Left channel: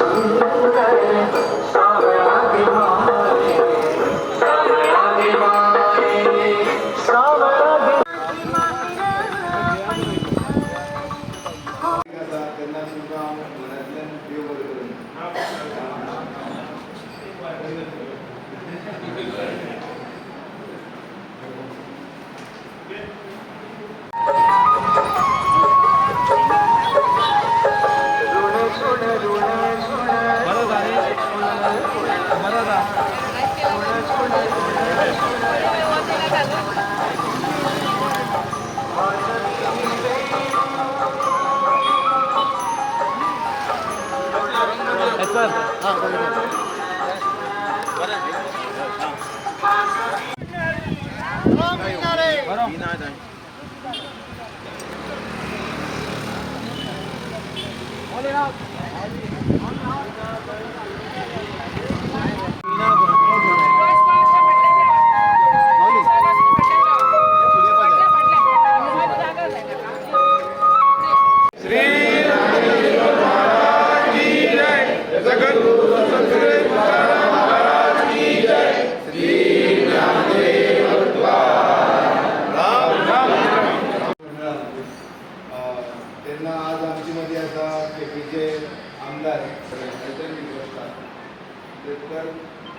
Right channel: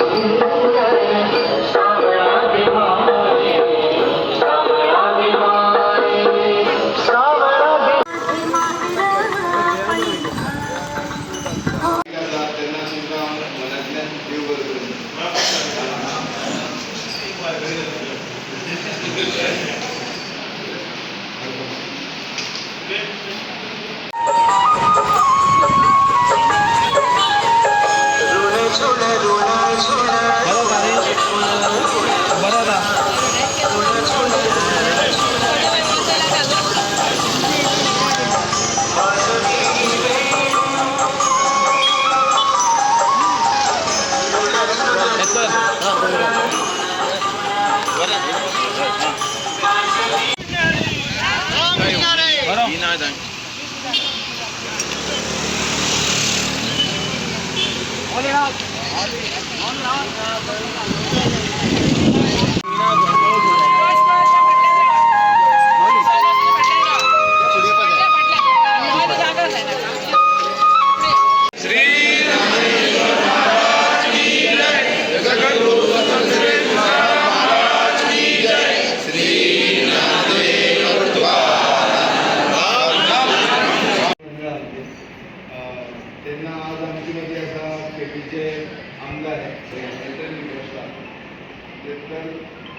आमदार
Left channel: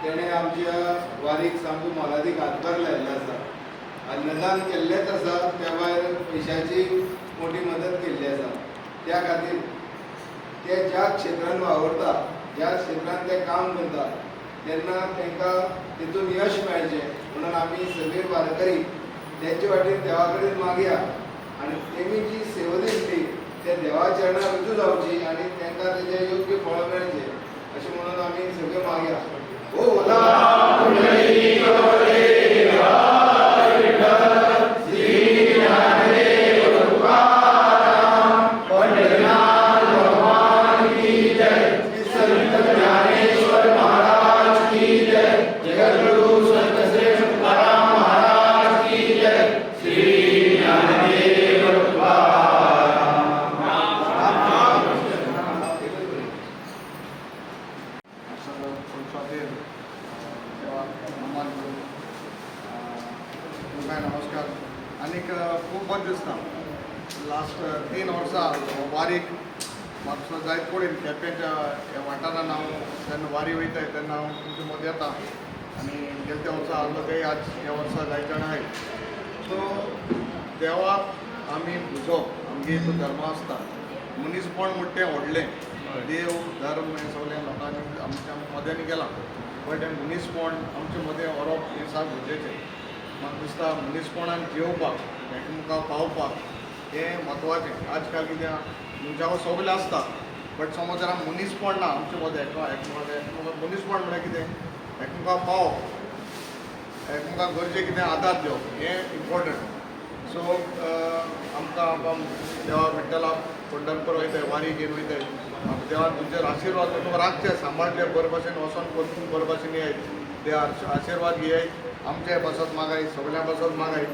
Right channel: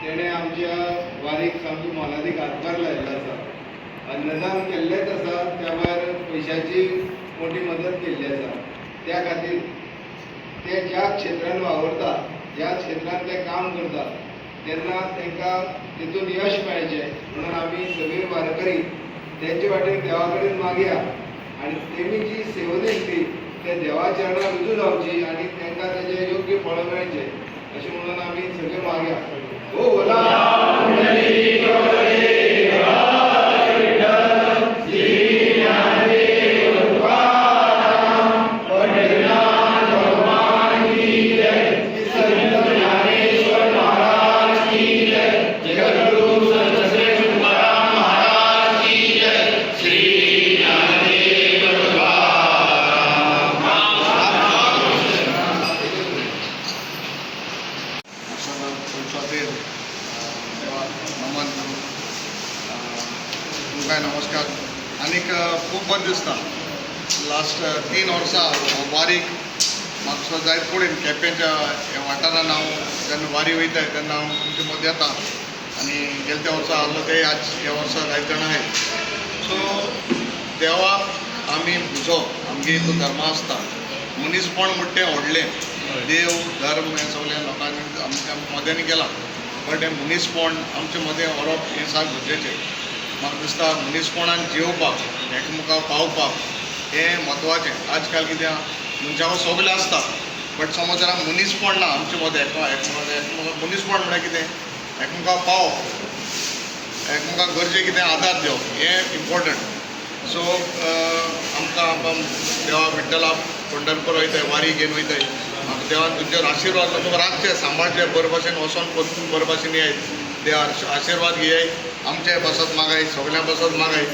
तेणे आमच्या वारीक सामको मोलादीक हातभार लायिल्लो आसा. अन्नदान केल्लेंच आसा, त्या भायर पयशांची मोठी मदत केल्ली आसा. त्या खातीर ते ज्या क्षेत्रांत वावरता, ज्या क्षेत्रांत ते काम करता, तेन्ना तांकां तेतून यश मेळचें म्हणून आमी सगळे वारकरी तेंचे वाटेन देवा कडेन मागया आनी तेमी जी सेवा दिली ते देवा चरणां रुजू जावची आनी तांकां तेजें योग्य फळ मेळचें अशें म्हणून आमी सगळे मागया. ओ नमस्कार. आनीक खूब बरें दिसता लास्ट 3 वर्सां वारीक म्हाका जायत कडेन केपेंच्या वाठारांत हांव जेन्ना वारी वयता तेन्ना हांव तुमचे मदीं येता आनी गेल्या त्या वर्सा आहलो ते आज ह्या वर्सा जायत जाण आहाय. सो देवाक आमी बुजोवप आमगे हितून धर्म आसता. मनीसपण म्हणटा तें व्हडलें, देव धर्म हें सगळ्या लोकांनी आमच्या मदें केलां, बट हें मनीसपण आमचे मदें व्हरप हें साक गरजेचें. म्हाका दिसता मनीसपणान जेवपाक एकामेकाक पावपाक हें म्हत्वाचें. आज काल कित्याक मनशां सगलें आसता, बट समज जर मनीसपण ना आमचे मदें एकामेकाक मनीसपण म्हळ्यार कितें एकामेकाक पावप, एकामेकाक गरजे कितें आदार दिवप हें इम्पॉर्टंट. सो आमकां देवा विठ्ठला पंढरपूर वयताय, वारी घेवन वयताय. म्हाका देवान तुमचेर आशिर्वाद तुका राखचे, सांबाळचे, बरे भाशेन वचोन परतून बरे भाशेन येयात. देवार आशिर्वाद घेयाय, आमचे बसत मागाय, सगळ्यां बसत मागाय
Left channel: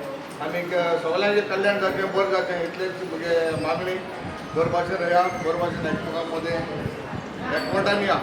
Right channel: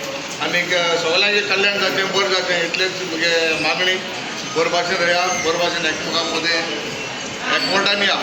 आनीक सगळ्यांचें कल्याण जावचें, बरें जावचें इतलेंच म्हगे मागणी. बरे भाशेन रया, बरे भाशेन एकामेकां मदें एकवटान या.